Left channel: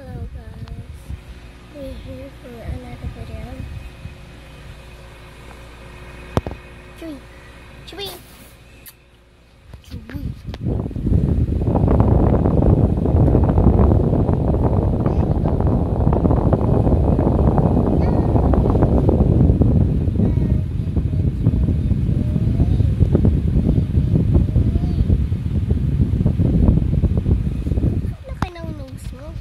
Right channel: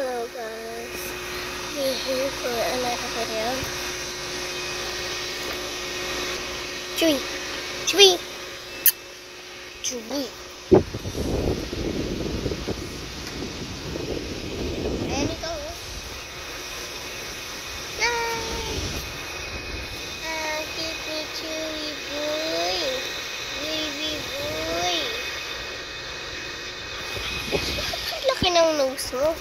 Hello guys, we're here for another video. Chewy, Chewy, Chewy. Mo.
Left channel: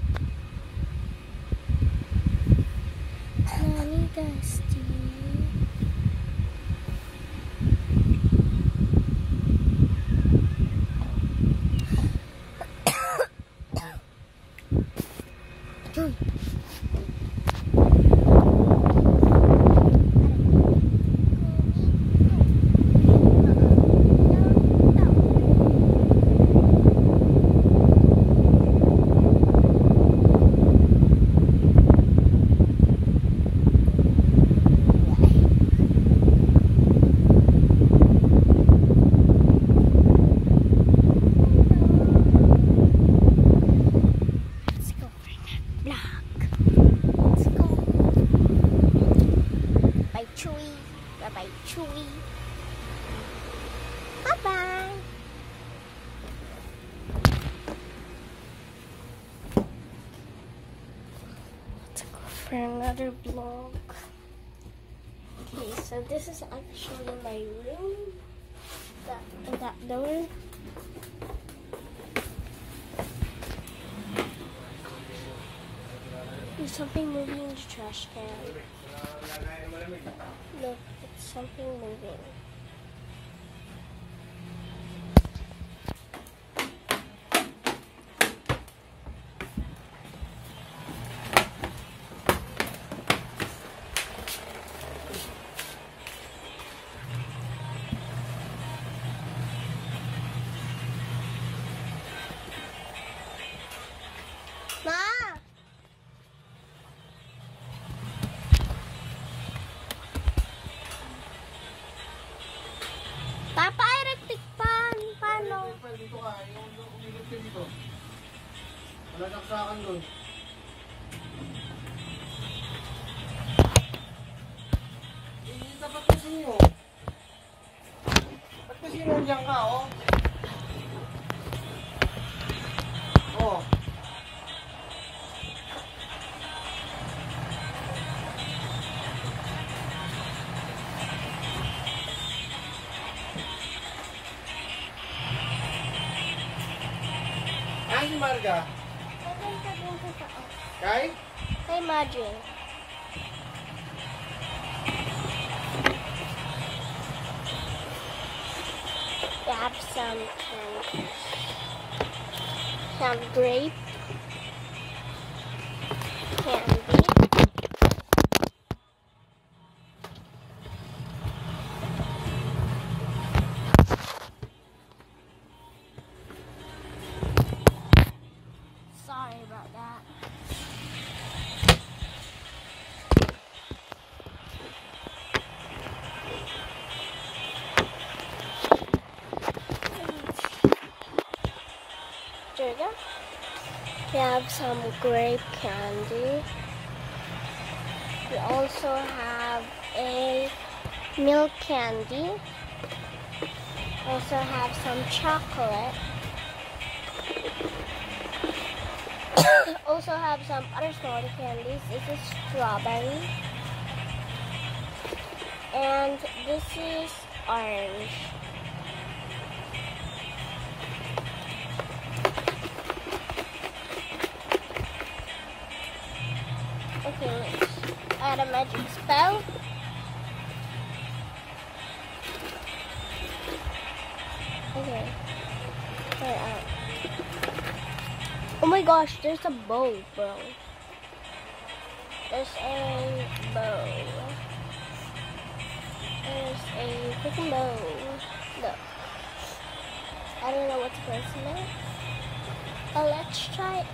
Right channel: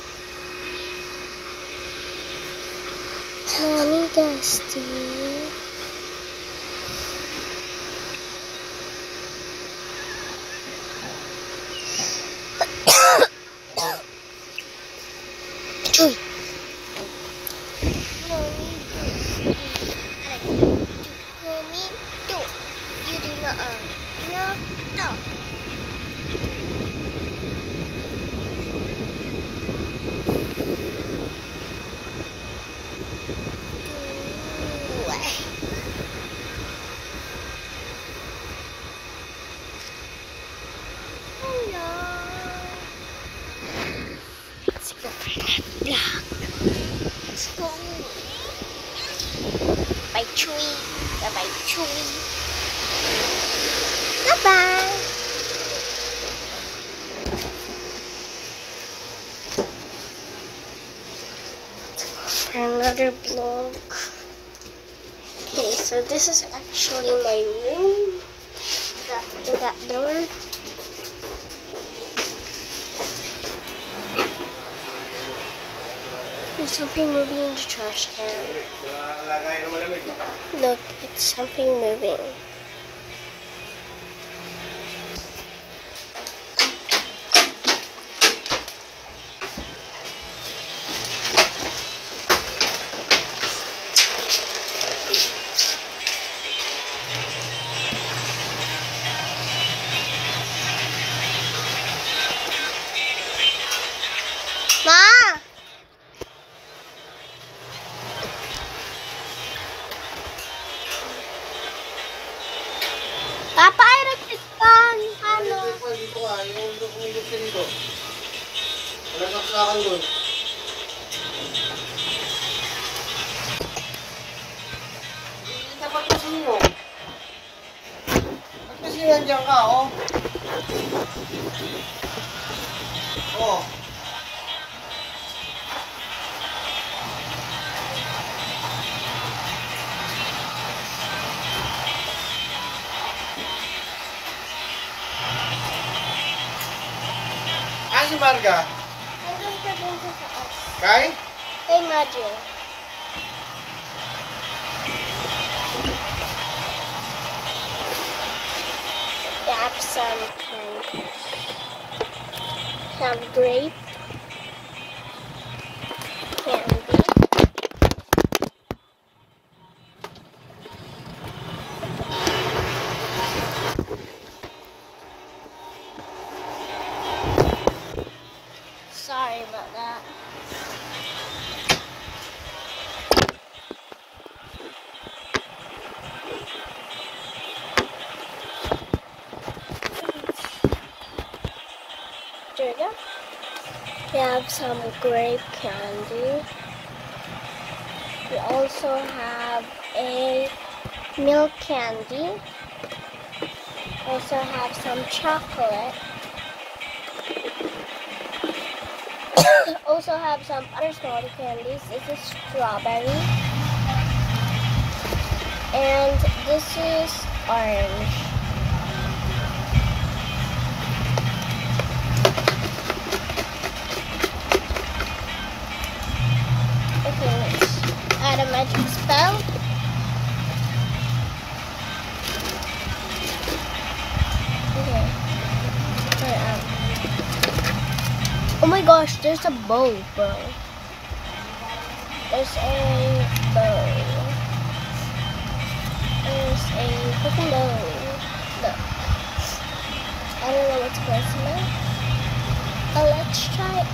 Nani Dusty. Cuy. Bye Chewy. Bye Chewy. Bye bye. Let's go for another vlog. Okay, so this is actually my room. That door. There's something moving in the trash can. Look, it's something moving. Ma! Papa, electric fan! Ano? Dito ka, yung umigop siya dito. Nagkaksakan doon. Dapat pa sino? Ba't kasi nandiyan ka, oh? Oh. Si Marga? Nandun ka dun sa taas. Kay? Kay Majin. They have some candy. Some grape candy. Sorry about that. There we have some grape candy. We also have a milk candy. Also have some chocolate. Also have some other smaller candies. This is strawberry. And this is orange. Okay, let's add a magic spell. Okay. Oh my gosh, there's a bow, bro. There's a bow. There's a freaking bow. Look. I don't know what's going on. But let's try on.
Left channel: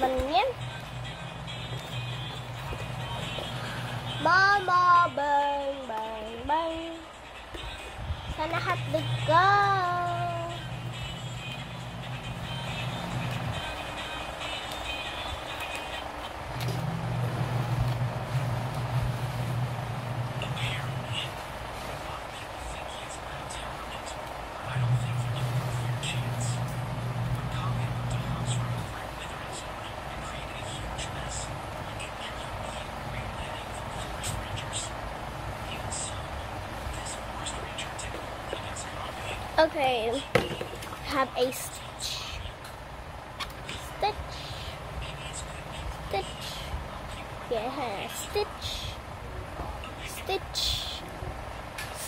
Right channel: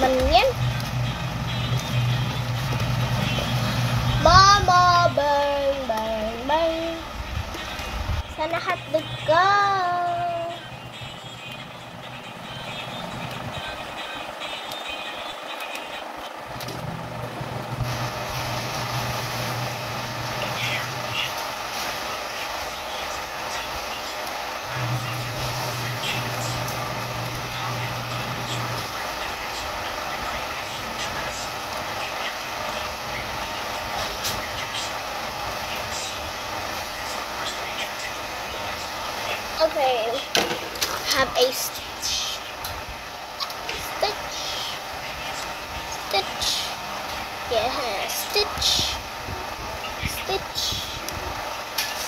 Man yan. Sana hotdog ka. Okay, have a stitch. Stitch. Stitch. Yeah, stitch. Stitch.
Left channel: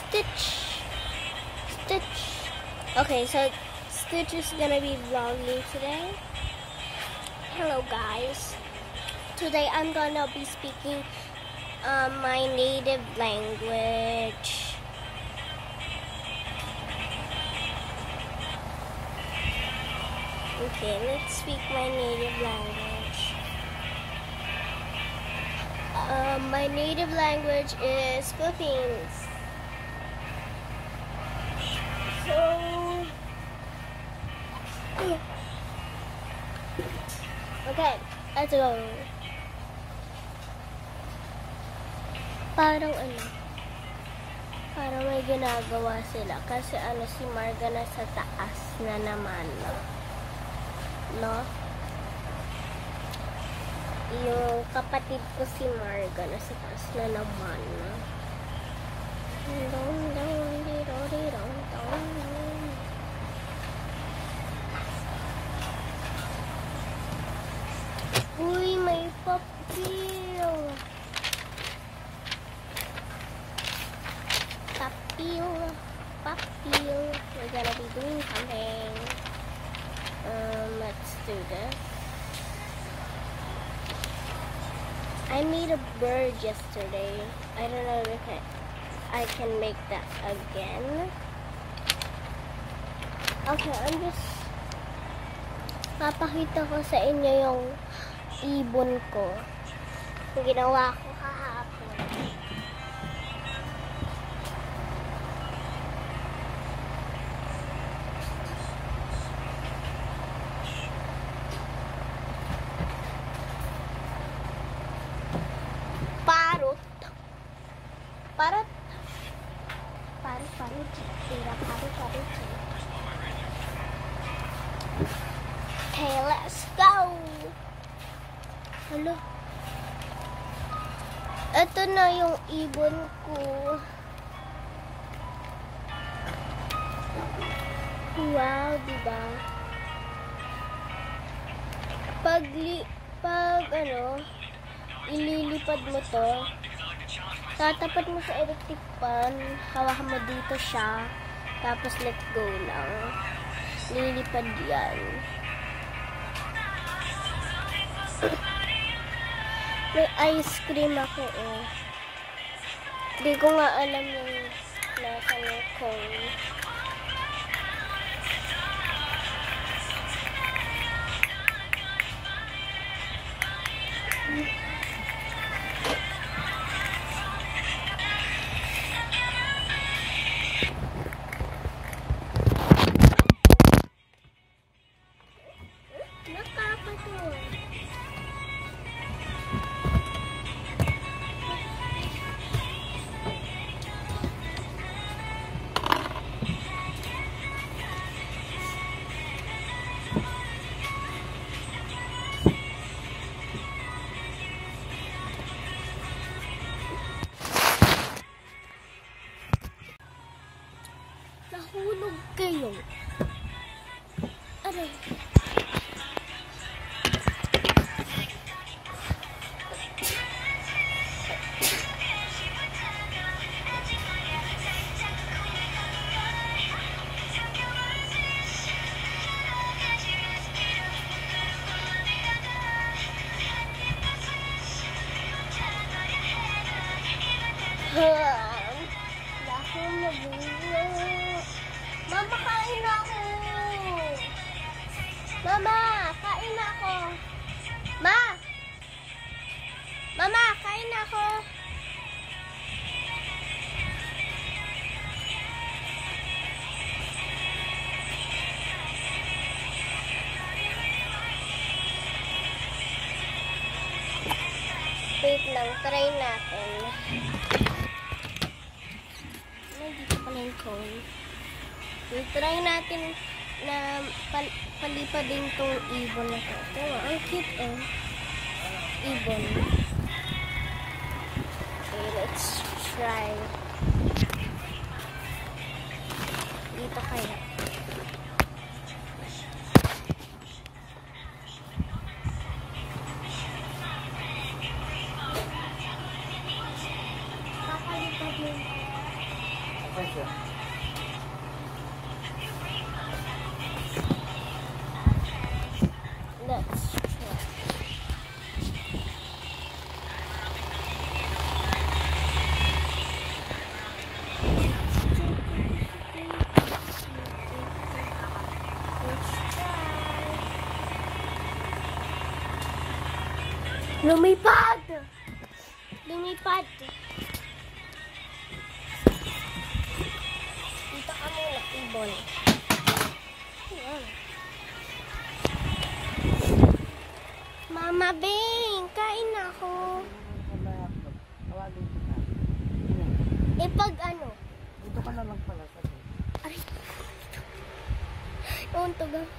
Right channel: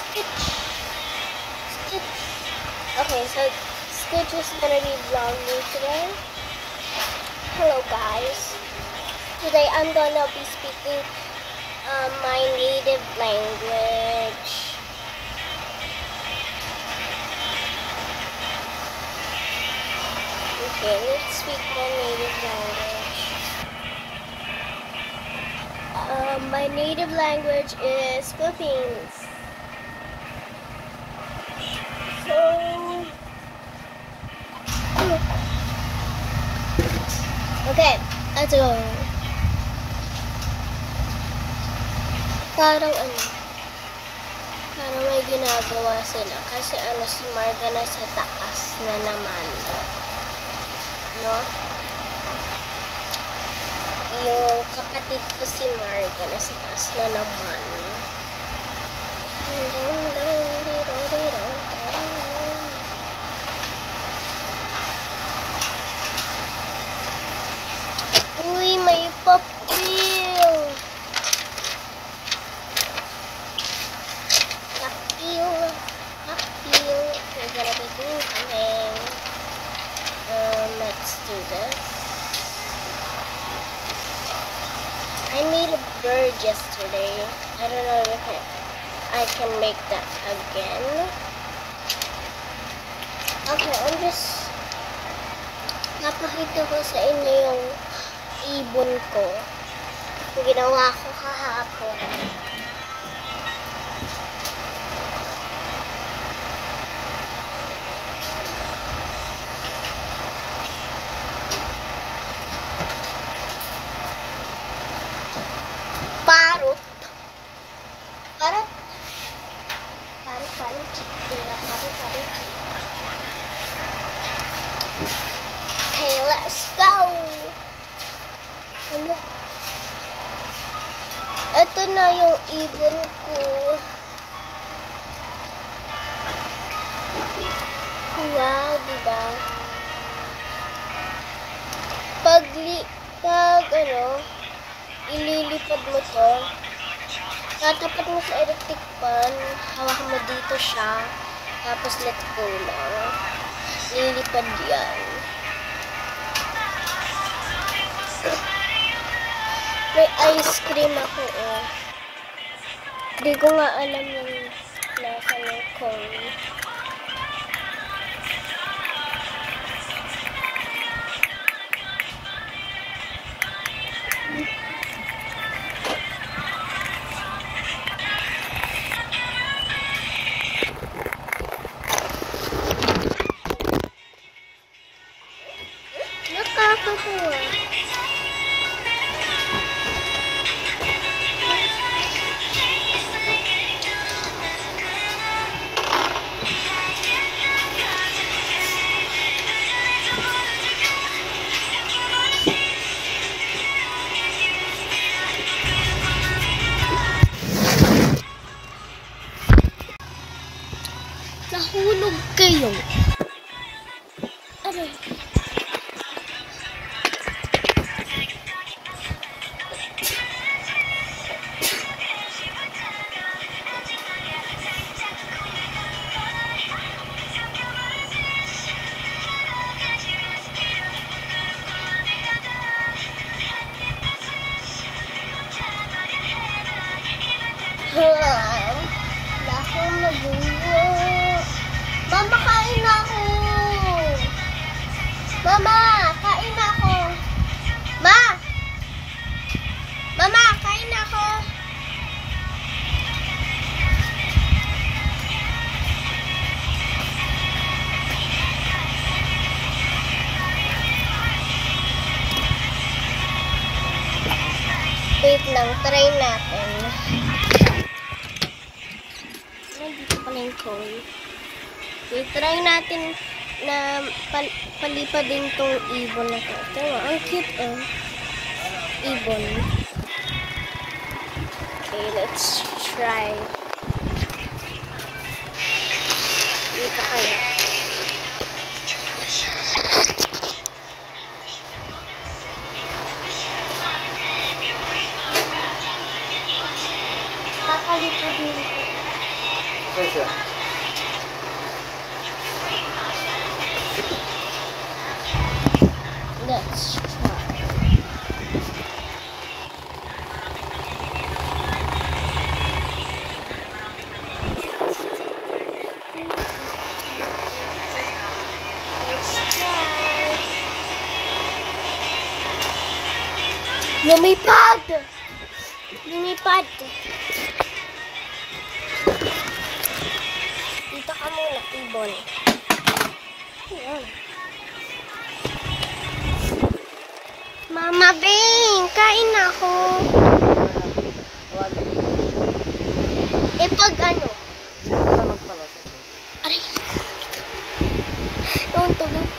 Stitch. Stitch. Okay, so Stitch is gonna be vlogging today. Hello guys. Today I'm gonna be speaking my native language. Okay, let's speak my native language. My native language is Philippines. So, okay, let's go. Parang parang may ginagawa sila kasi si Marga nasa taas na naman. No? Yung kapatid ko si Marga nasa taas na naman. Uy, may papil. Papil. We're gonna be doing something. Let's do this. I made a bird yesterday. I don't know if I can make that again. Okay, I'm just papakita ko sa inyo yung ibon ko. Yung ginawa ko kahapon. Parot. Okay, let's go. Ano? Ito na yung ibon ko. Wow, diba? Pag ililipad mo to, tatapat mo sa electric pan, hawakan mo dito siya, tapos let go lang. Lilipad yan. May ice cream ako, oh. Hindi ko nga alam yung nasa ng cone. Nakakatuwa. Nahulog kayo. Aray. Lahong nabuo. Mama, kain na ako. Mama, kain na ako. Mama, kain na ako. Wait lang, try natin. Nandito pala yung cone. Okay, try natin na palipad din tong ibon na to. Ito, ang cute oh. Ibon. Okay, let's try. Dito kaya. Kakalipad nito. Kasi. Let's try. Let's try. Lumipad! Lumipad! Dito ka muna, ibon. Ayan. Mama Bing, kain na ako. Eh pag ano? Aray. Yung tunog.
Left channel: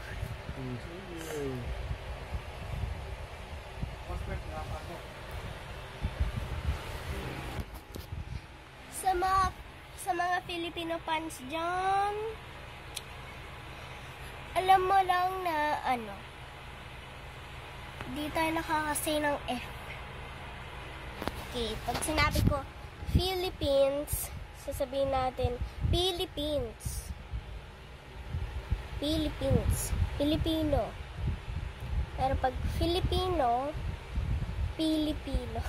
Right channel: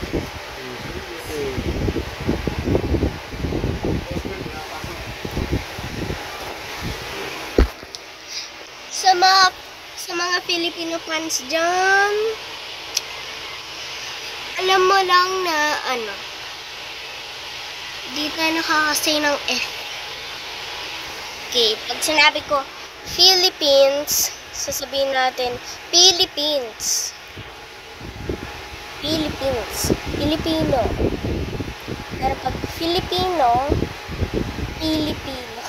Sa mga Filipino fans dyan, alam mo lang na ano, di tayo nakakasay ng F. Okay, pag sinabi ko Philippines, sasabihin natin Philippines. Philippines. Filipino. Pero pag Filipino, Filipino.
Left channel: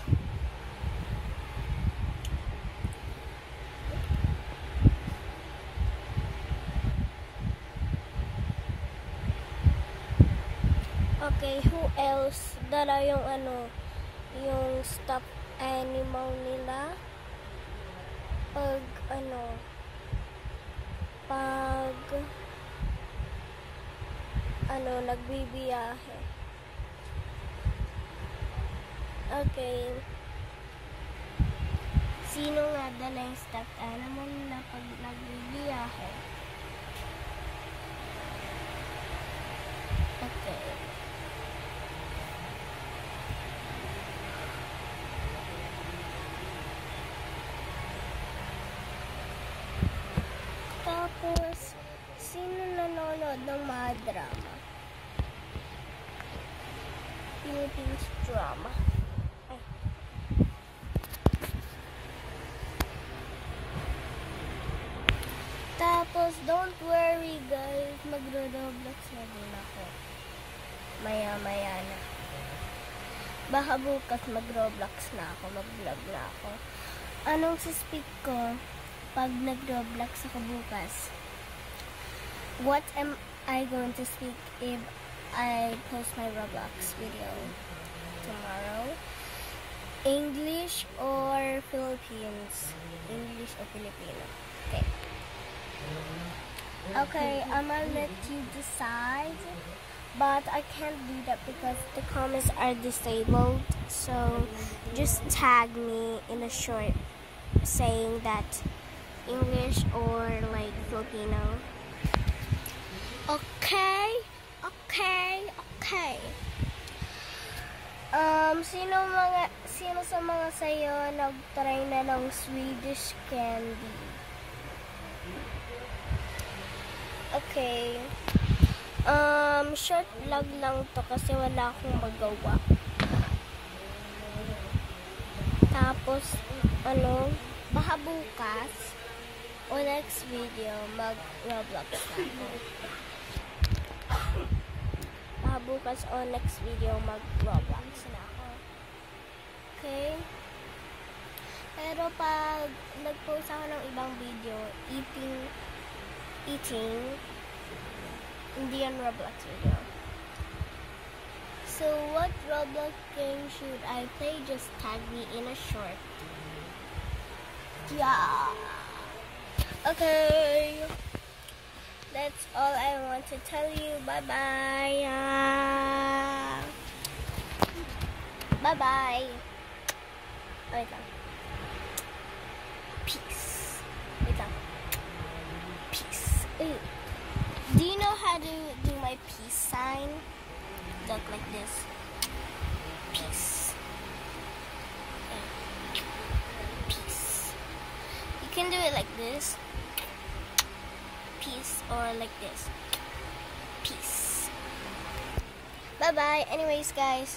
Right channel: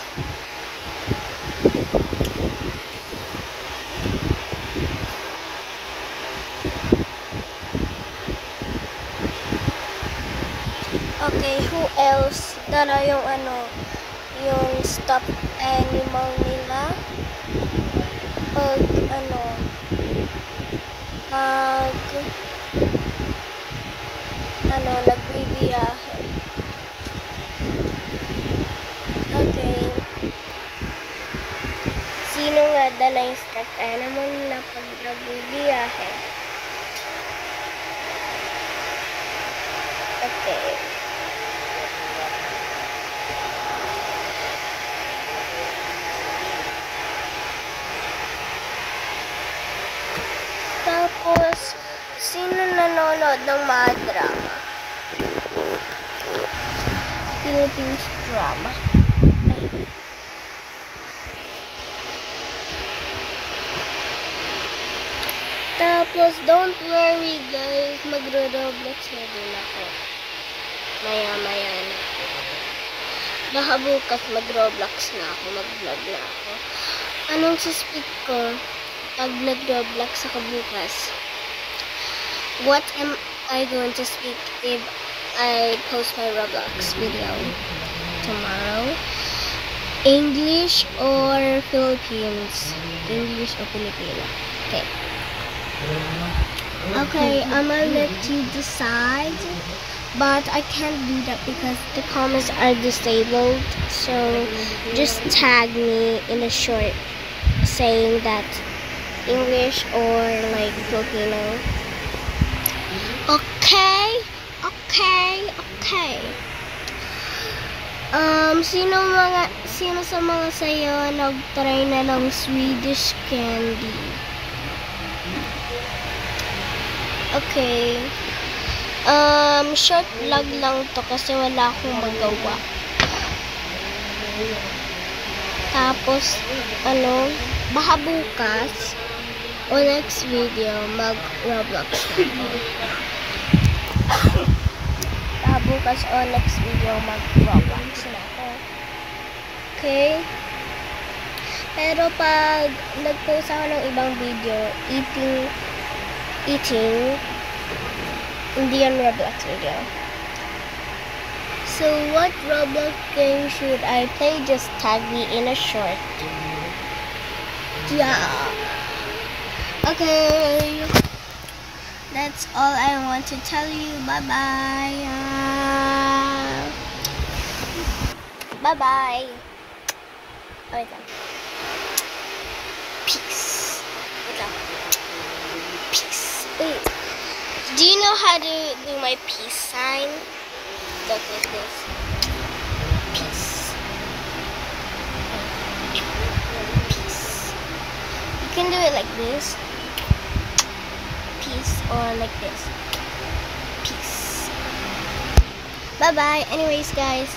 Okay, who else? Dala yung ano, yung stuffed animal nila. Pag ano, nagbibiyahe. Okay. Sino nga dala yung stuffed animal na pag nagbibiyahe? Okay. Tapos, sino nanonood ng mga drama? Philippines drama. Ay. Tapos, don't worry guys, magro-Roblox na din ako. Maya-maya na. Baka bukas mag-Roblox na ako, mag-vlog na ako. Anong suspeak ko pag nag-Roblox ako bukas? What am I going to speak if I post my Roblox video tomorrow? English or Philippines? English or Filipino? Okay. Okay, I'm gonna let you decide. But I can't do that because the comments are disabled. So just tag me in a short saying that English or like Filipino. Okay? Okay? Okay. Sino sa mga sayo nag-try na ng Swedish candy? Okay. Short vlog lang to kasi wala akong magawa. Tapos, baka bukas o next video mag-Roblox na ako. Baka bukas o next video mag-Roblox na ako. Okay? Pero pag nag-post ako ng ibang video, eating, hindi yan Roblox video. So, what Roblox game should I play? Just tag me in a short. Yeah. Okay. That's all I want to tell you. Bye-bye. Bye-bye. wait lang. Peace. Wait lang. Peace. Wait. Do you know how to do my peace sign? Look like this. Peace. Peace. You can do it like this. Peace. Or like this. Peace. Bye-bye. Anyways, guys.